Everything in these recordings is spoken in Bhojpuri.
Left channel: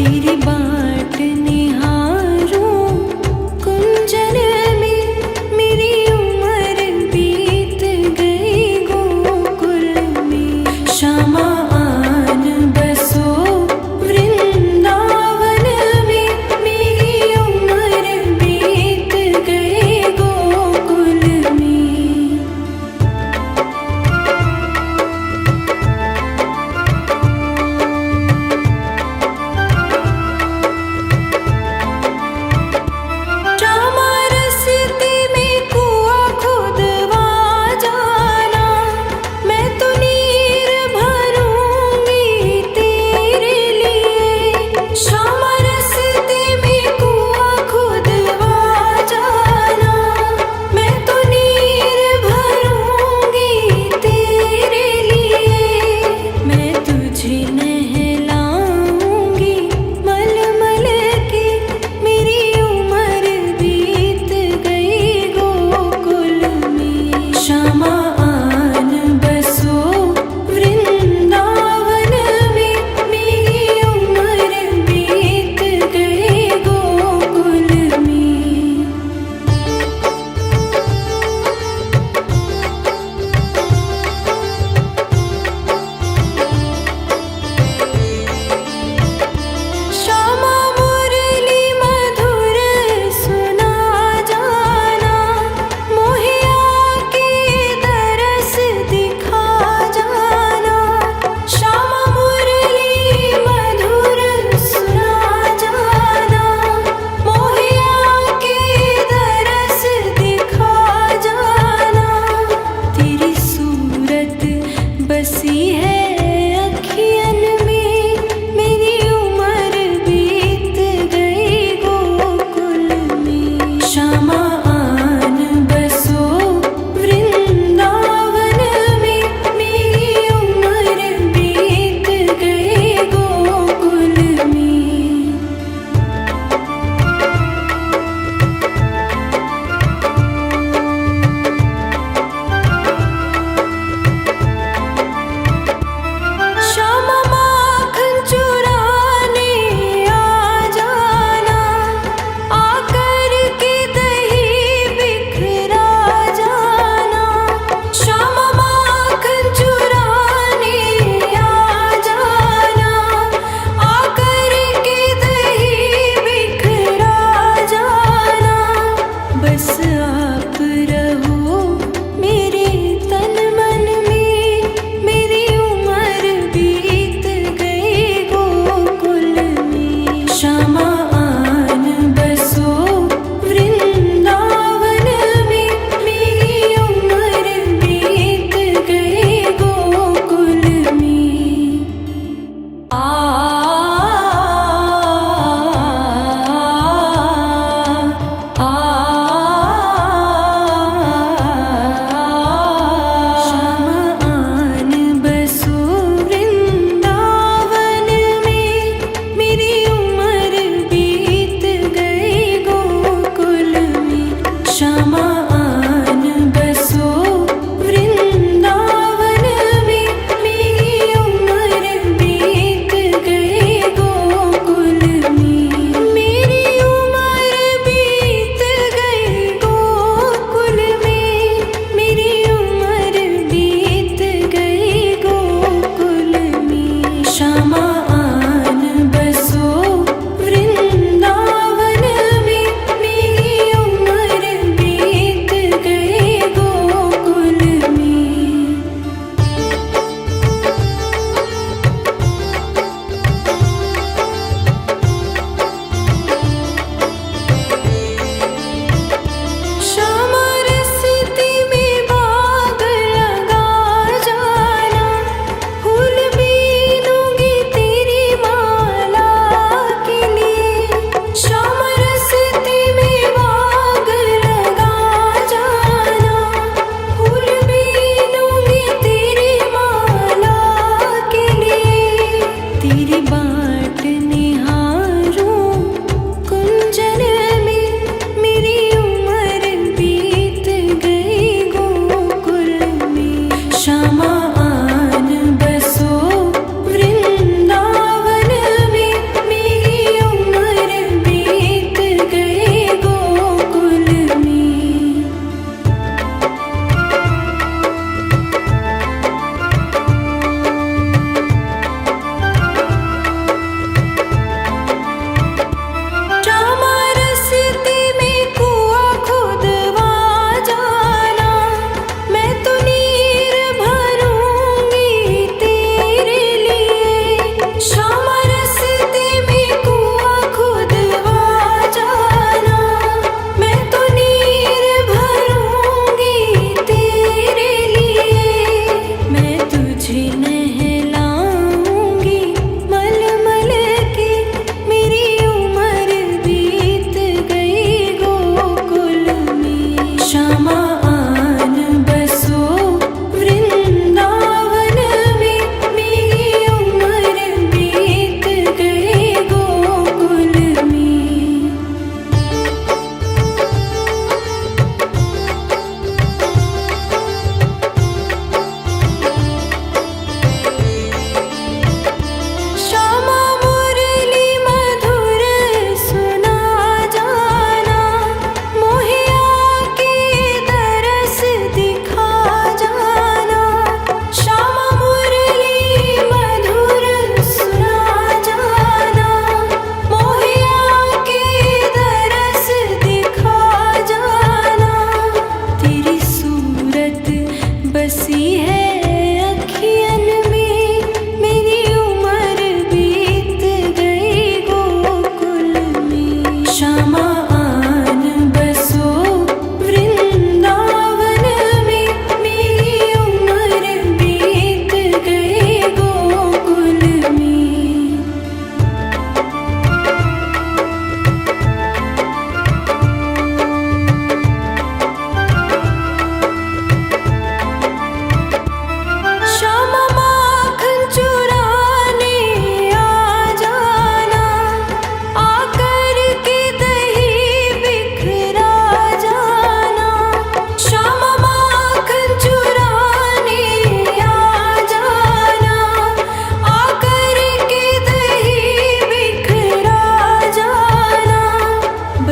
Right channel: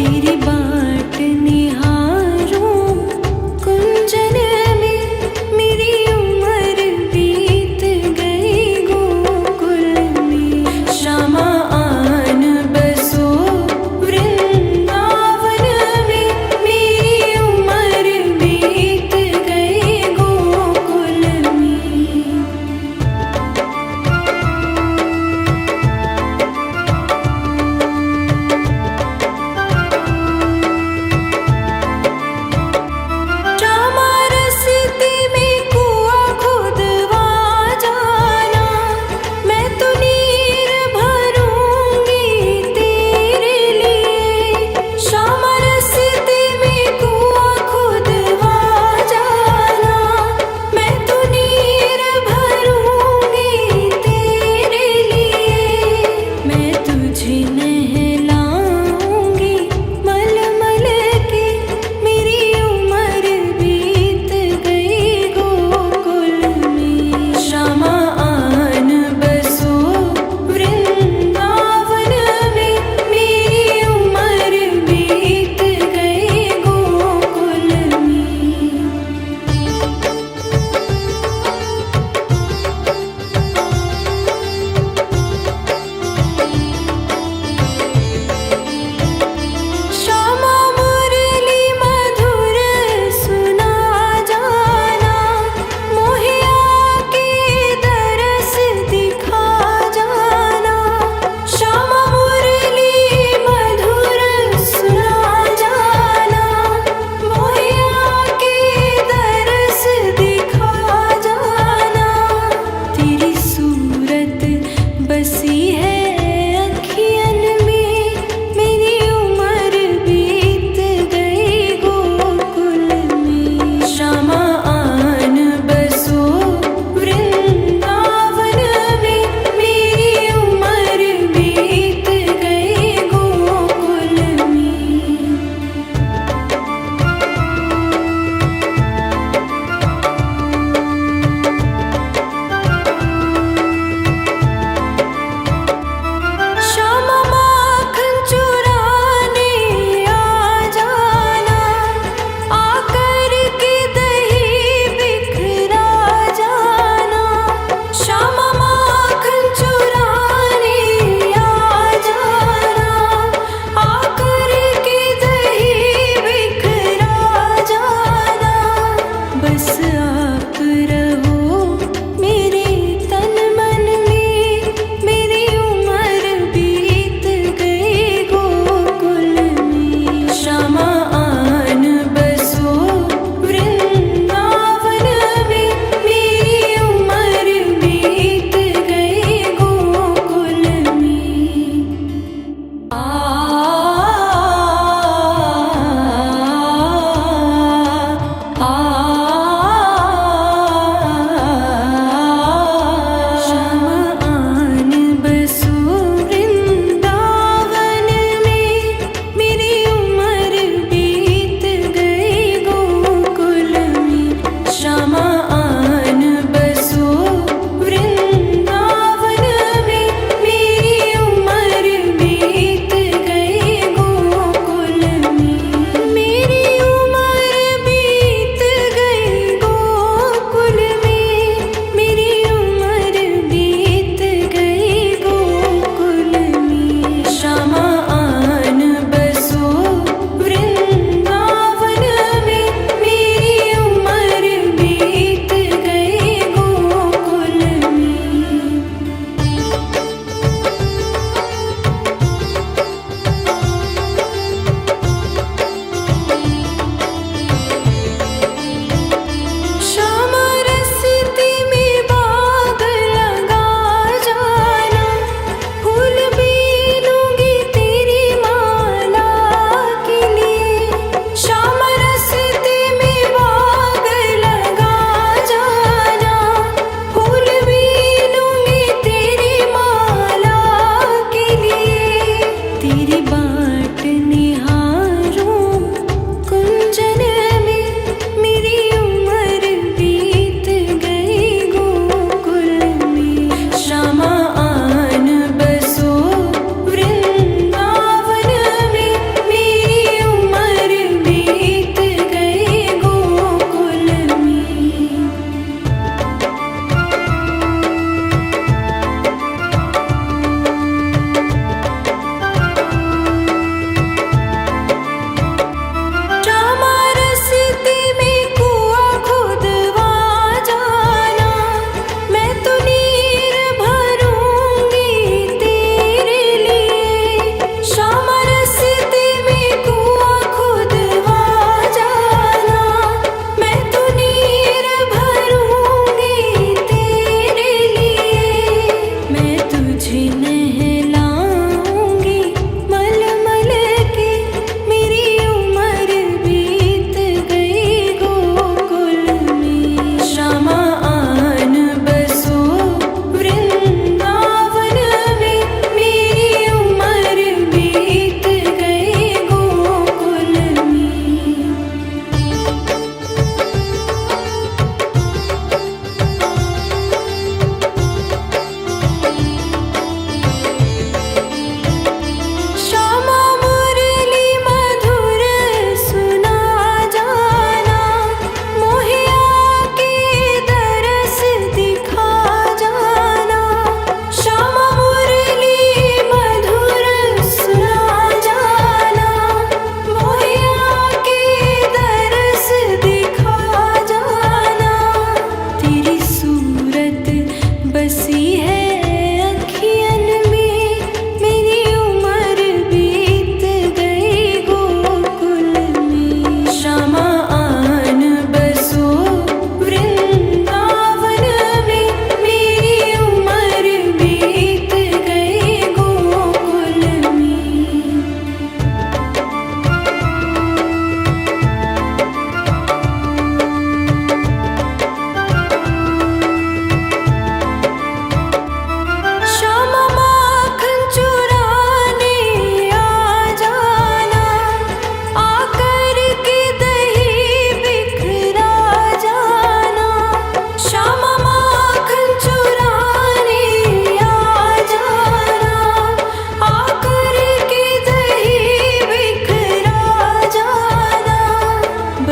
तेरी बाट निहारूं कुंजन में, मेरी उम्र बीत गई गोकुल में। श्यामा आन बसो वृंदावन में, मेरी उम्र बीत गई गोकुल में।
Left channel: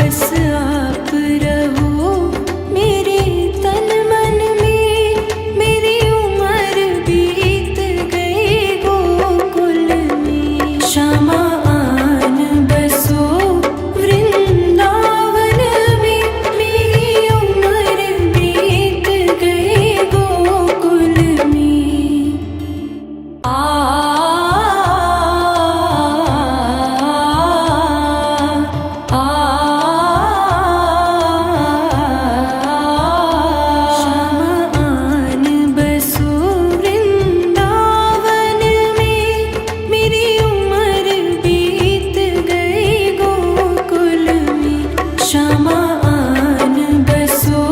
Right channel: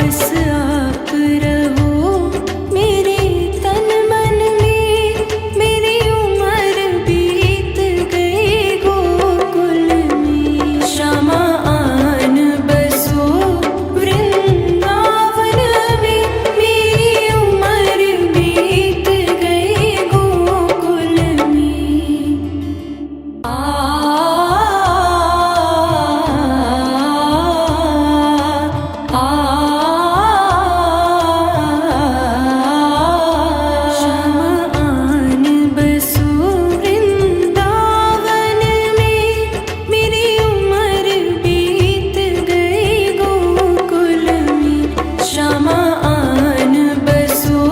बस आप रहो मेरे तन मन में। मेरी उम्र बीत गई गोकुल में। श्यामा आन बसो वृंदावन में। मेरी उम्र बीत गई गोकुल में। श्यामा आन बसो वृंदावन में। मेरी उम्र बीत गई गोकुल में। श्यामा आन बसो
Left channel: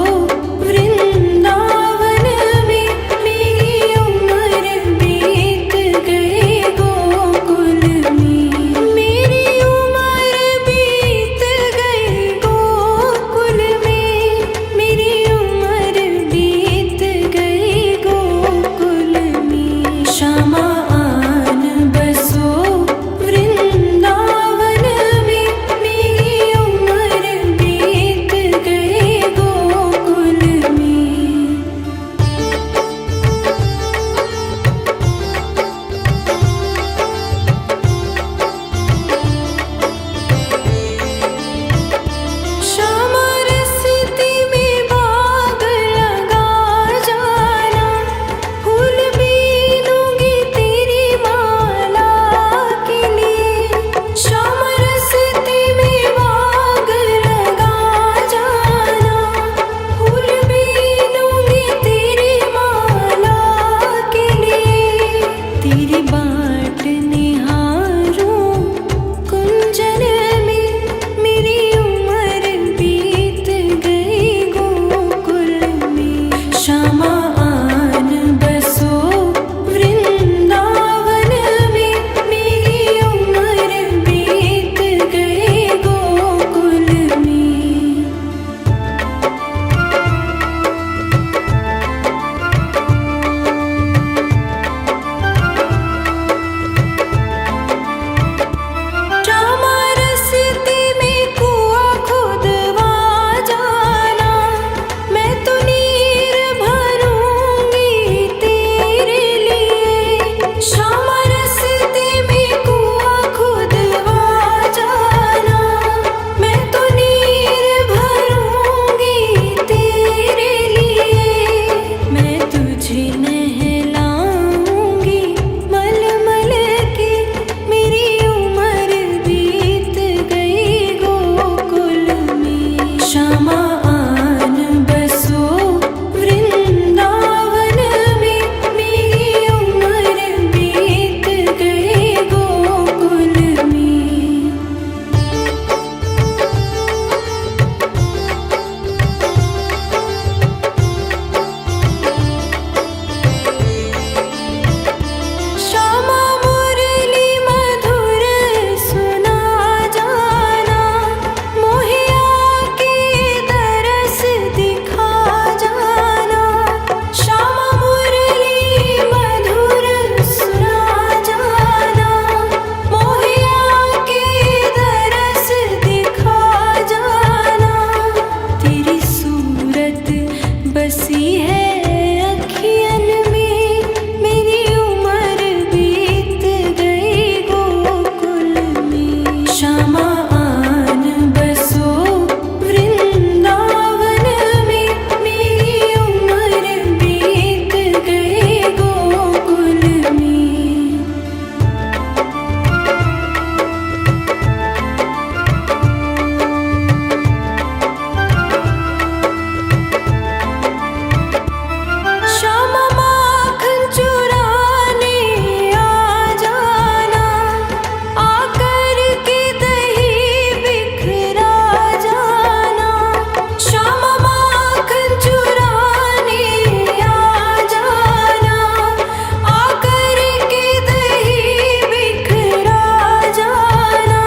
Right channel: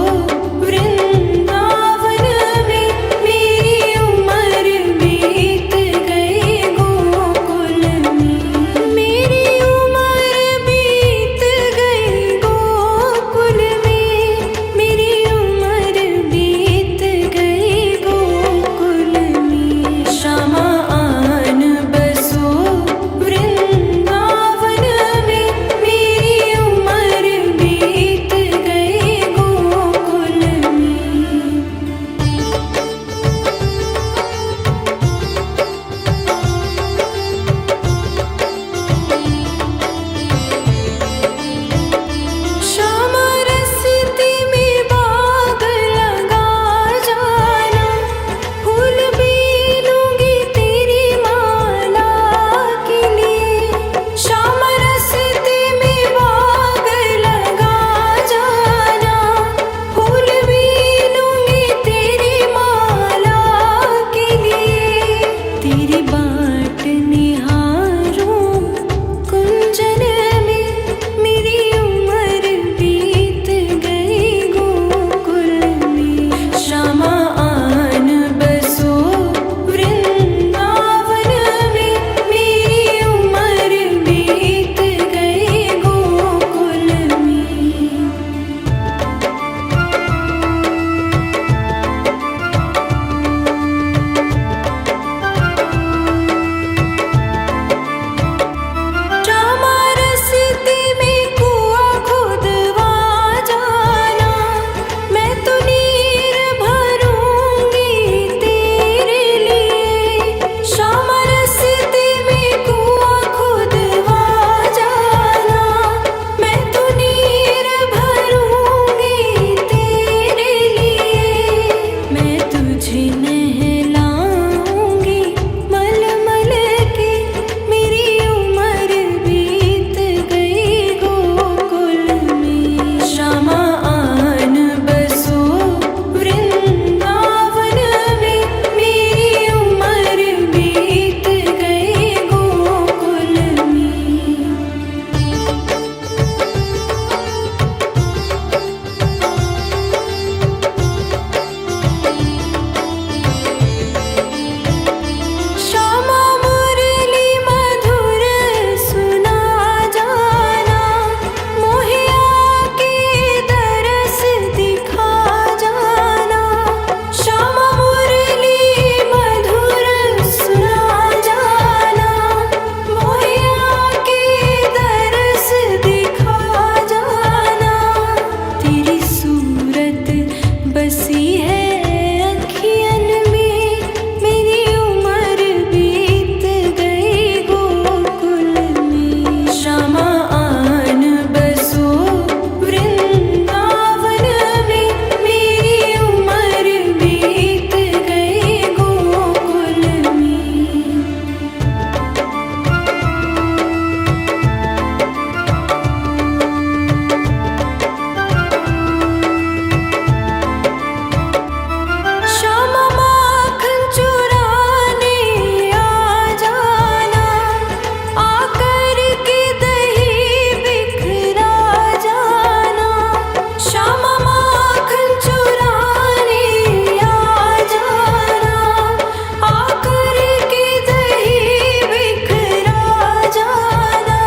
वृंदावन में। मेरी उम्र बीत गई गोकुल में। मेरी उम्र बीत गई गोकुल में। मेरी उम्र बीत गई गोकुल में। श्यामा आन बसो वृंदावन में। मेरी उम्र बीत गई गोकुल में। श्यामा रस्ते में बाग लगा जाना। फूल बीनूंगी तेरी माला के लिए। श्यामा रस्ते में बाग लगा जाना। फूल बीनूंगी तेरी माला के लिए। तेरी बाट निहारूं कुंजन में। मेरी उम्र बीत गई गोकुल में। श्यामा आन बसो वृंदावन में। मेरी उम्र बीत गई गोकुल में। श्यामा रस्ते में कुआं खुदवा जाना। मैं तो नीर भरूंगी तेरे लिए। श्यामा रस्ते में कुआं खुदवा जाना। मैं तो नीर भरूंगी तेरे लिए। मैं तुझे नहलाऊंगी मलमल के। मेरी उम्र बीत गई गोकुल में। श्यामा आन बसो वृंदावन में। मेरी उम्र बीत गई गोकुल में। श्यामा मुरली मधुर सुना जाना। मोहे आके दरस दिखा जाना। श्यामा मुरली मधुर सुना जाना। मोहे आके दरस दिखा जाना। तेरी सूरत बसी है अखियन में। मेरी उम्र बीत गई गोकुल में। श्यामा आन बसो वृंदावन में। मेरी उम्र बीत गई गोकुल में। श्यामा माखन चुराने आ जाना। आकर के दही बिखरा जाना। श्यामा माखन चुराने आ जाना। आकर के दही बिखरा जाना।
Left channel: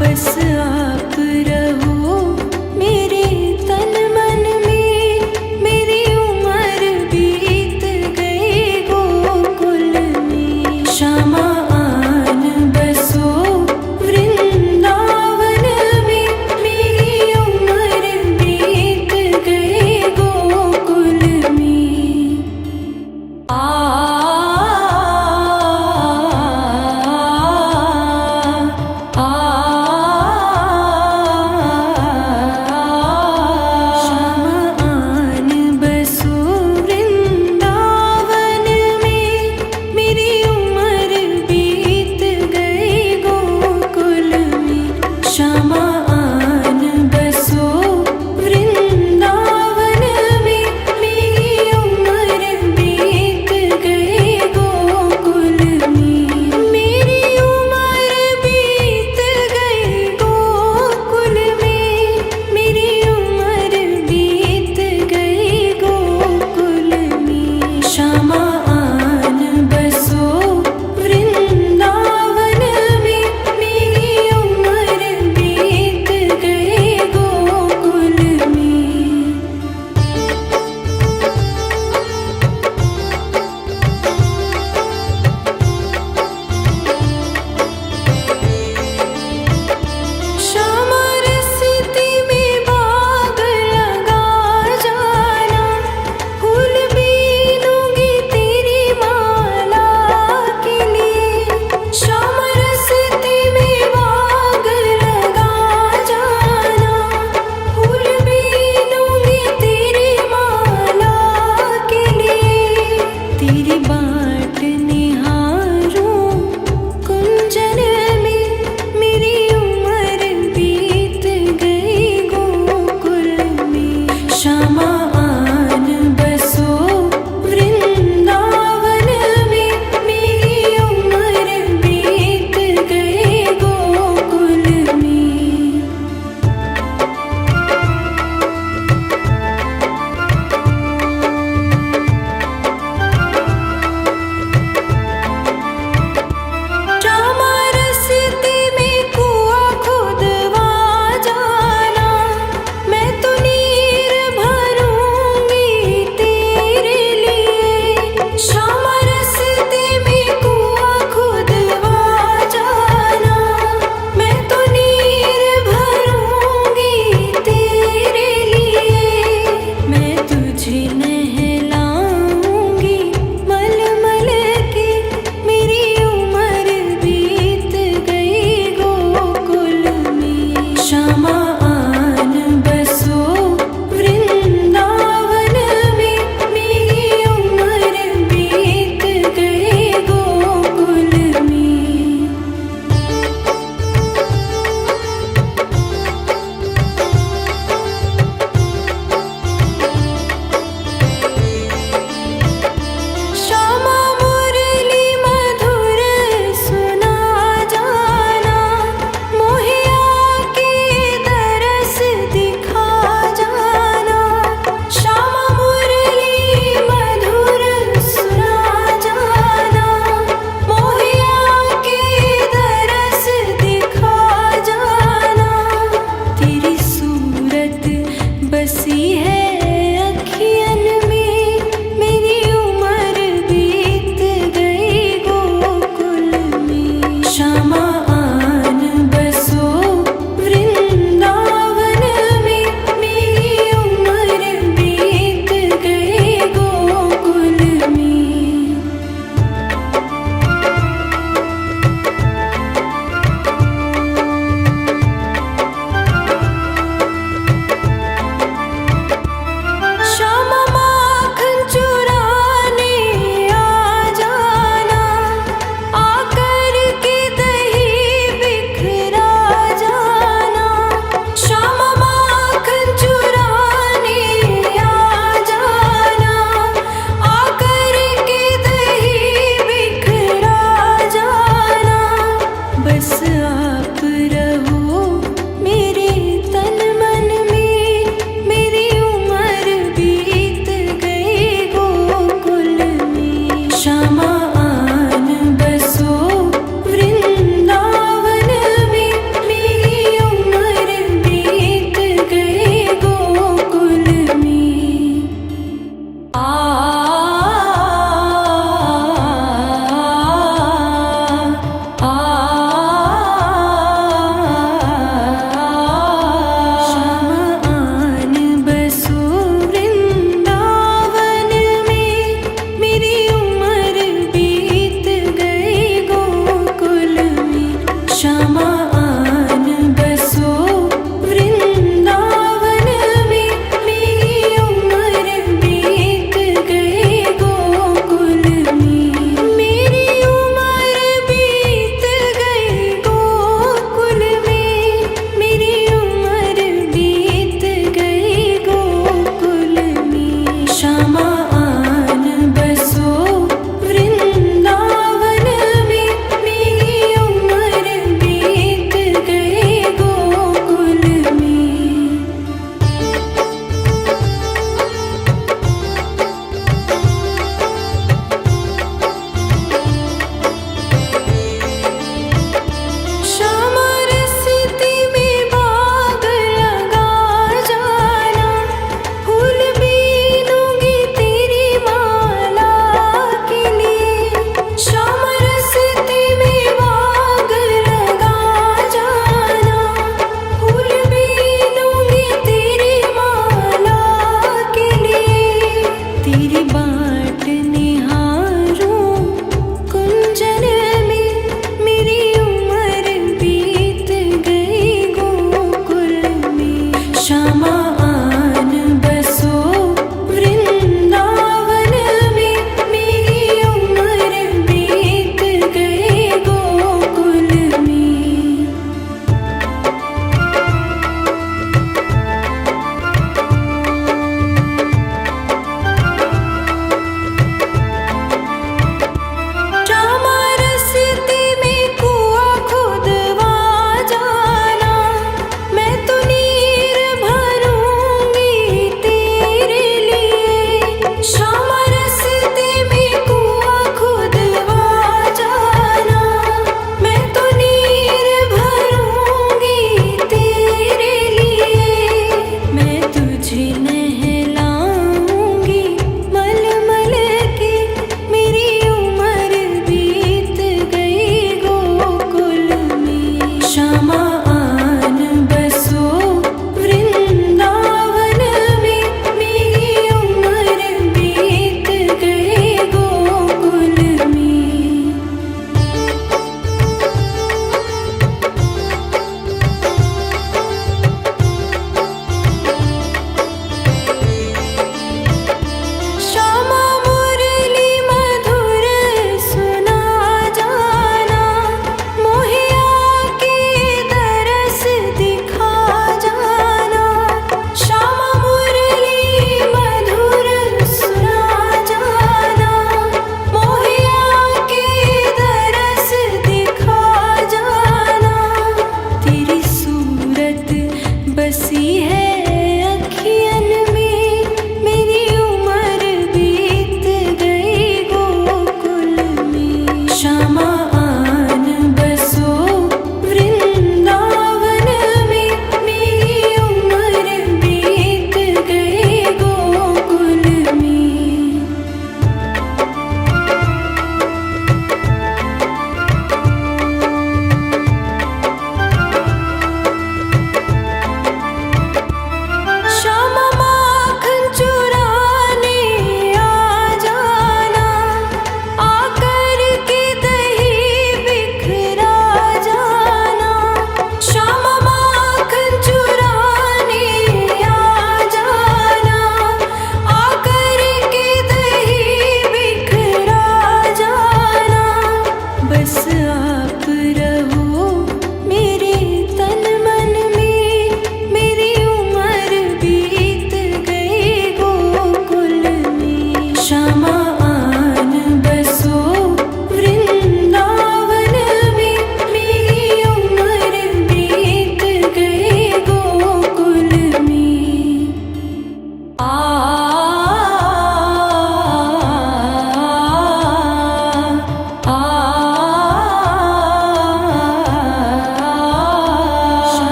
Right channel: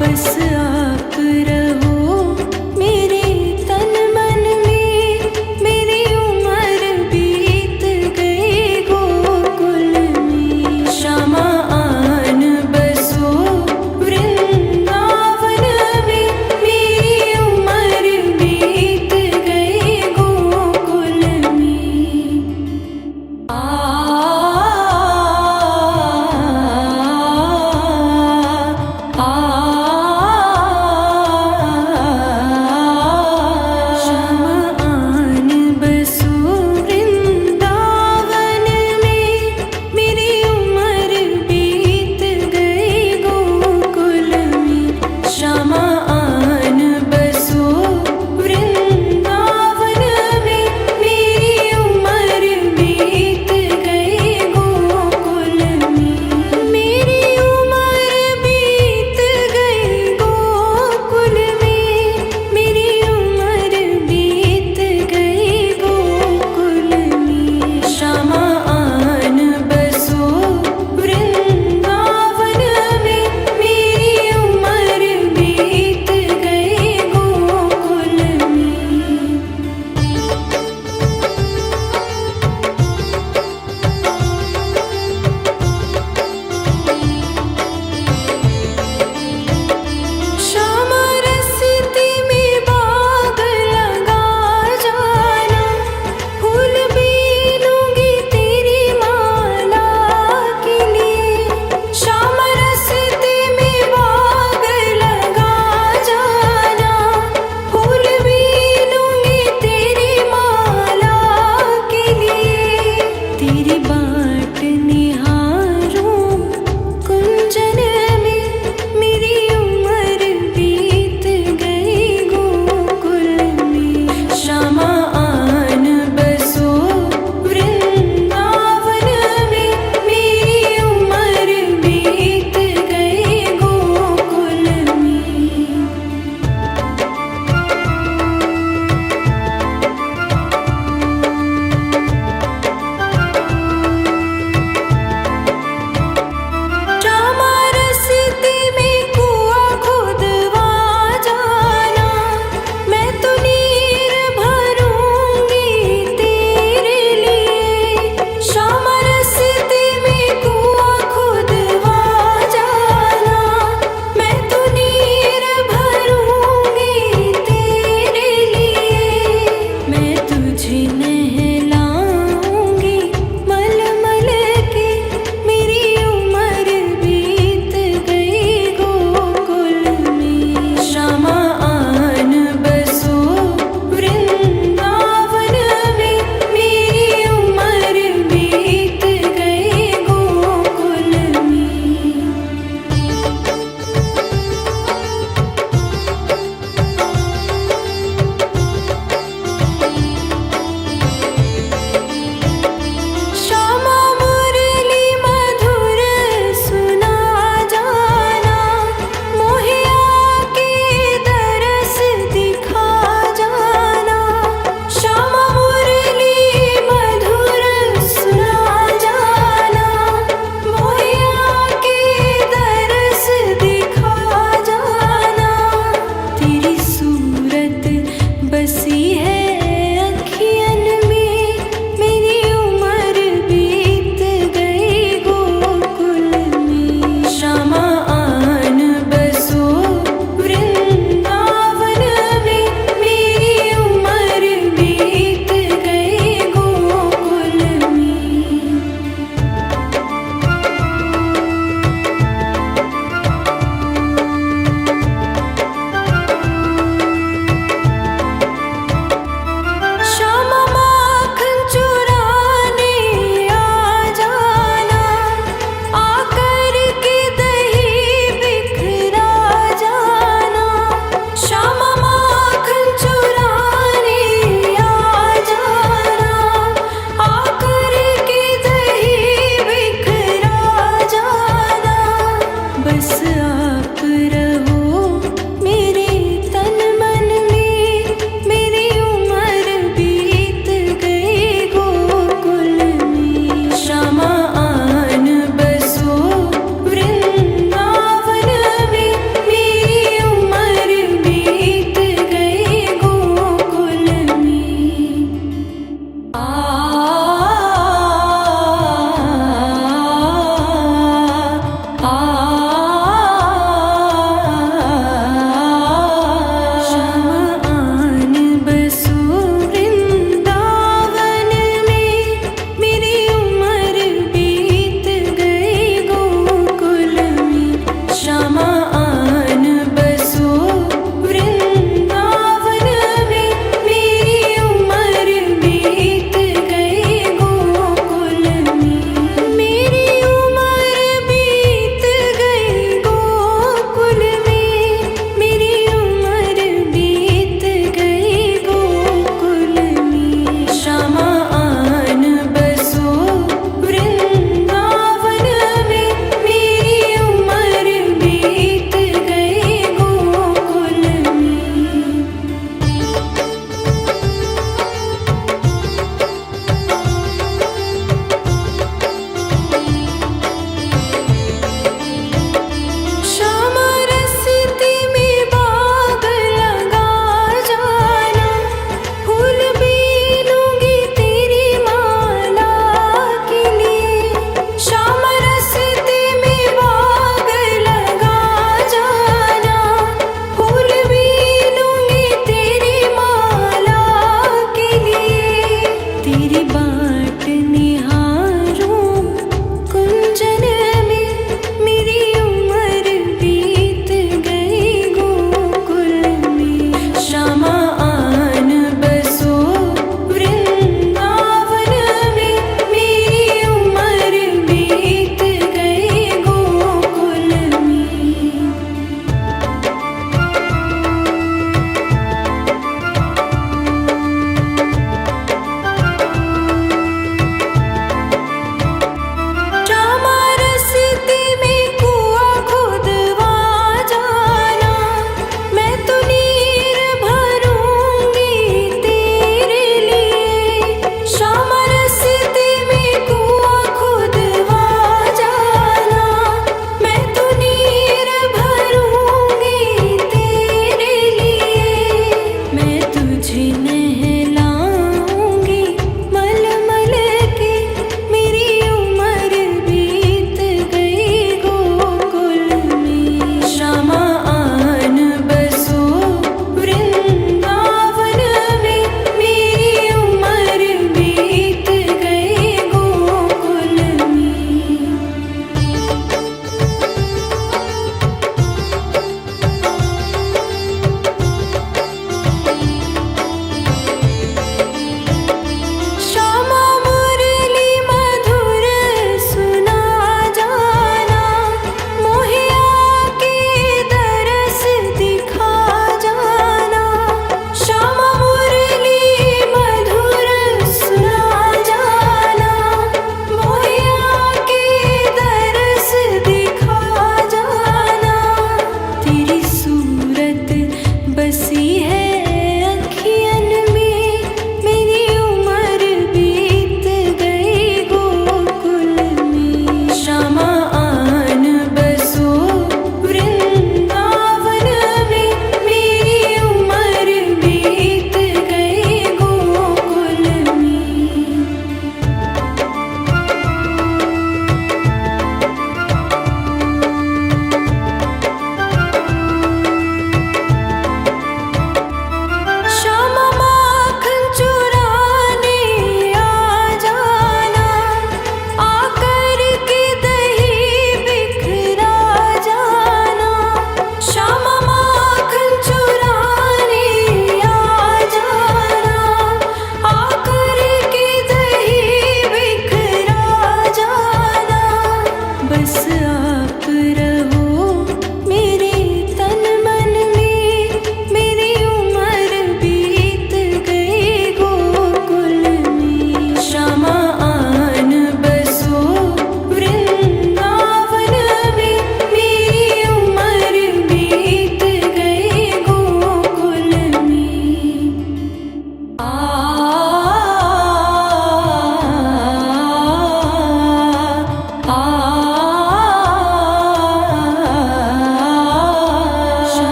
बस आप रहो मेरे तन मन में। मेरी उम्र बीत गई गोकुल में। श्यामा आन बसो वृंदावन में। मेरी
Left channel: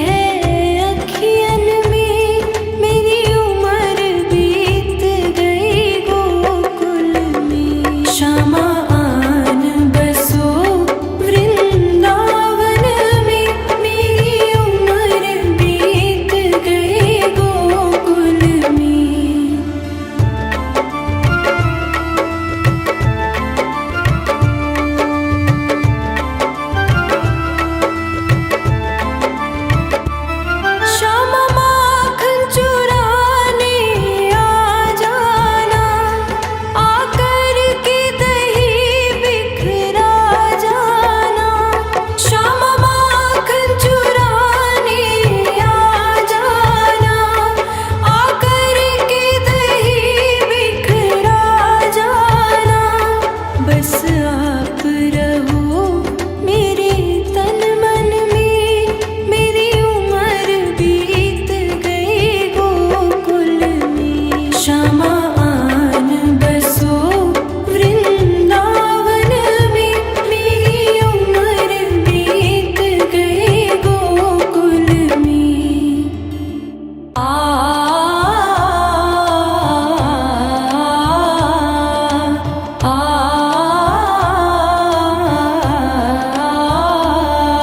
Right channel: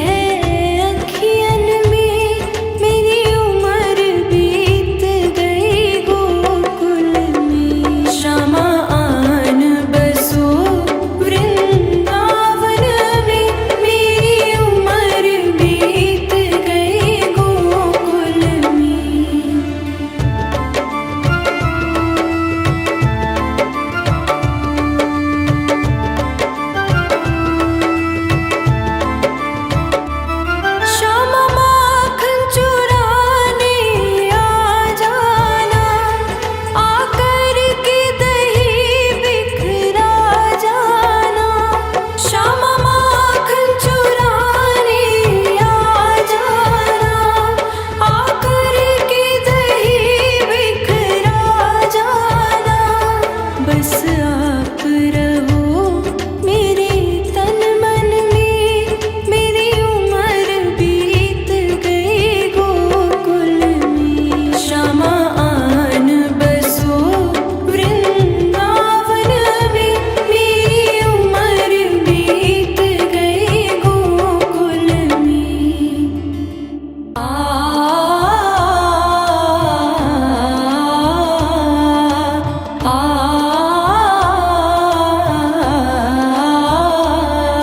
है अखियन में, मेरी उम्र बीत गई गोकुल में। श्यामा आन बसो वृंदावन में, मेरी उम्र बीत गई गोकुल में। श्यामा माखन चुराने आ जाना, आकर के दही बिखरा जाना। श्यामा माखन चुराने आ जाना, आकर के दही बिखरा जाना। बस आप रहो मेरे तन मन में, मेरी उम्र बीत गई गोकुल में। श्यामा आन बसो वृंदावन में, मेरी उम्र बीत गई गोकुल में।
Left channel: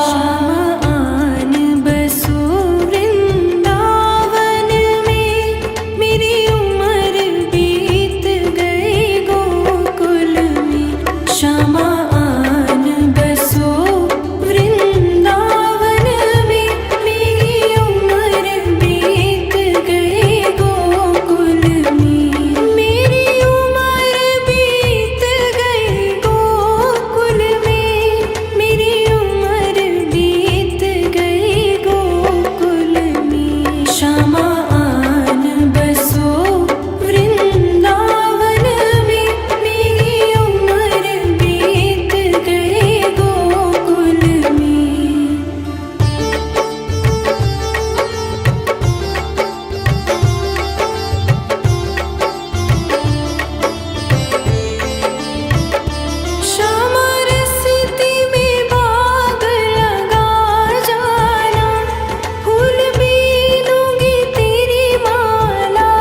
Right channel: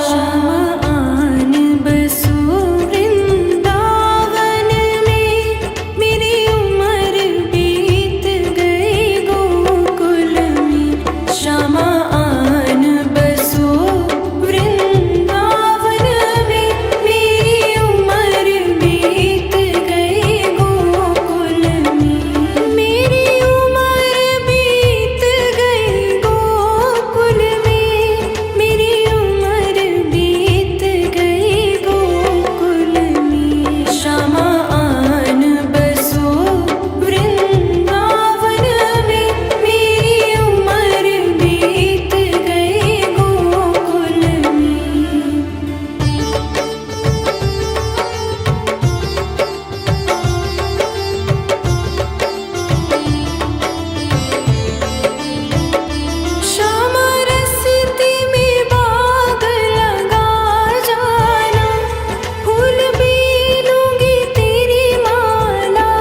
श्यामा आन बसो वृंदावन में, मेरी उम्र बीत गई गोकुल में। श्यामा आन बसो वृंदावन में, मेरी उम्र बीत गई गोकुल में। मेरी उम्र बीत गई गोकुल में, मेरी उम्र बीत गई गोकुल में। श्यामा आन बसो वृंदावन में, मेरी उम्र बीत गई गोकुल में। श्यामा रस्ते में बाग लगा जाना, फूल बीनूंगी तेरी माला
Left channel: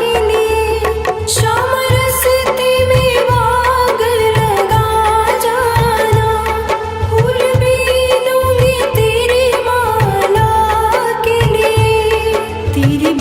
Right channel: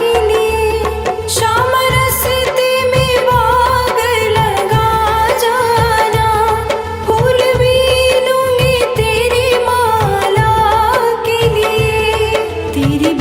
के लिए। श्यामा रस्ते में बाग लगा जाना, फूल बीनूंगी तेरी माला के लिए। तेरी